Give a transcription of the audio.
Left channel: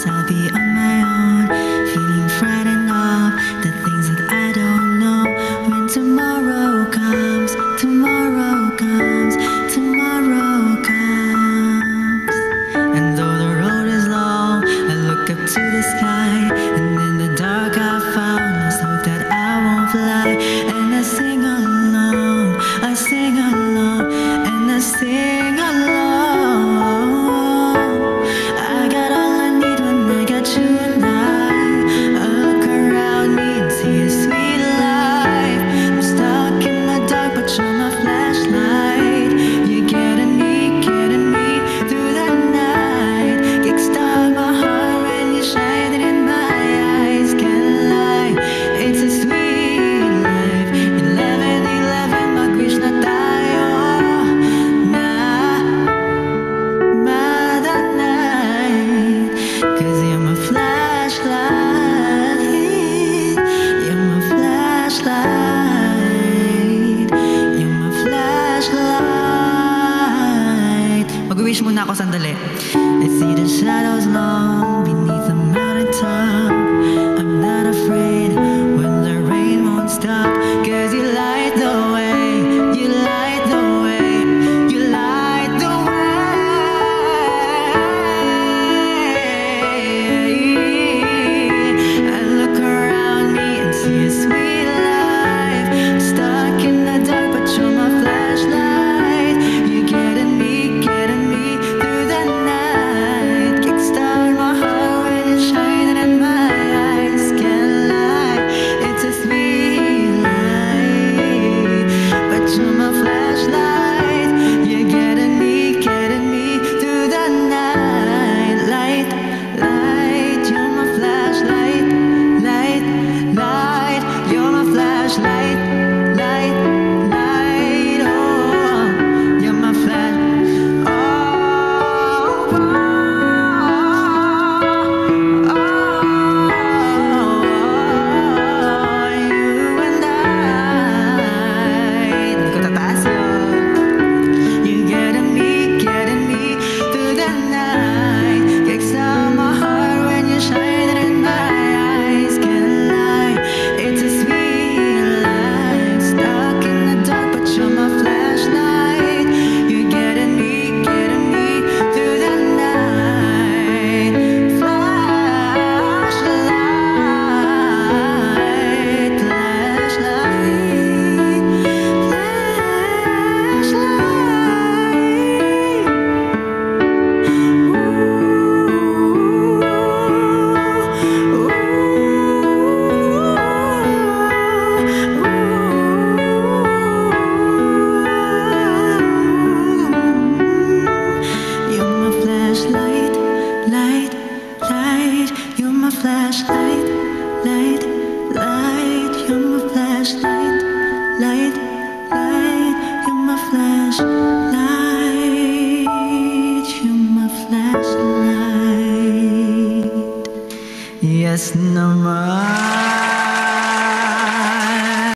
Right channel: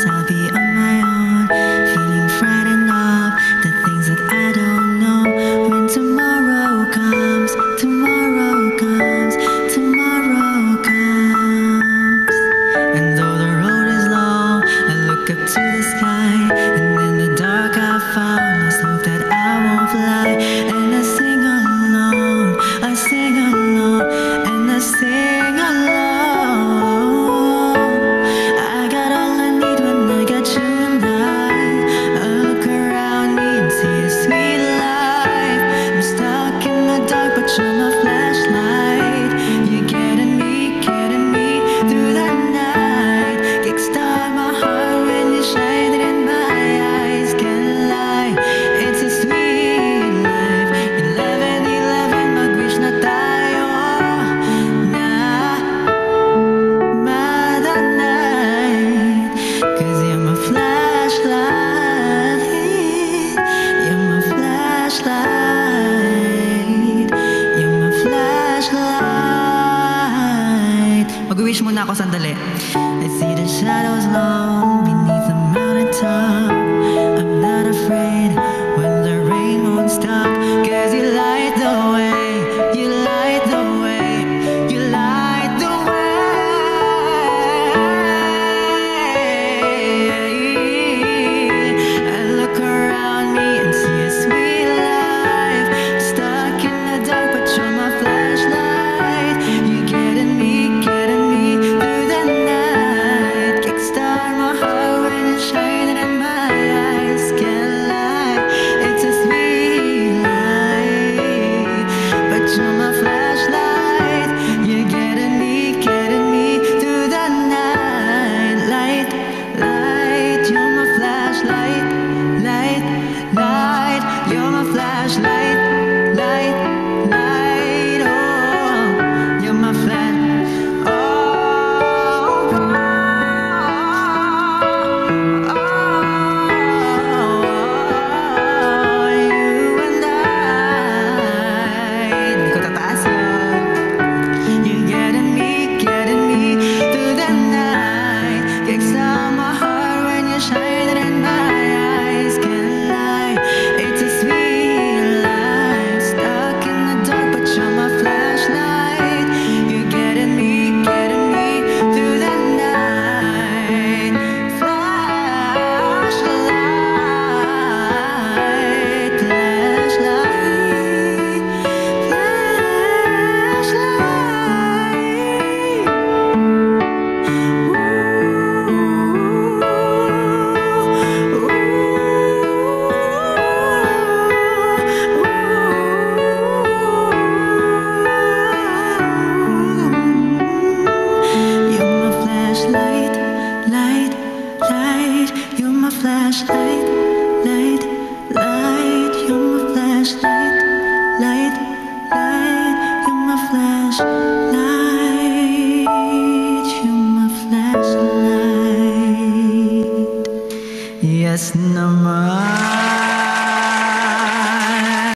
knows I'll be on my own, feeling frightened of the things that I don't know. When tomorrow comes, tomorrow comes, tomorrow comes. And though the road is long, I look up to the sky, and in the dark I found lost hope that I won't fly. And I sing along, I sing along, and I sing along. I got all I need when I got you and I look around me and see a sweet life. I'm stuck in the dark, but you're my flashlight. You're getting me through the night. Kickstart my heart when you're shining in my eyes. Can't lie, it's a sweet life. 11-11, mag-wish na tayo na night. 'Cause you're my flashlight, you're my flashlight, you're my flashlight. Mag-wish muna ako sandali. I see the shadows long beneath the mountaintop. I'm not afraid when the rain won't stop. 'Cause you light the way, you light the way, you light the way. I look around me and see a sweet life. Stuck in the dark, but you're my flashlight. You're getting me through the night. Kickstart my heart when you're shining in my eyes. Can't lie, it's a sweet life. But you're my flashlight. You're getting me through the night. Light, light, you're my flashlight. Light, light, you're my flashlight. Light, light, oh, you're my flash. Oh, oh, oh, oh, you and I. Hindi ko tataas yun. You're getting me through the night. Kickstart my heart when you're shining in my eyes. Can't lie, it's a sweet life. Stuck in the dark, but you're my flashlight. You're getting me through the night. Flashlight, flashlight, flashlight. You're my flashlight, light, light. You're my flashlight, light, light. You're my flashlight, light, light. You're my flashlight, you're my flashlight. Yes naman.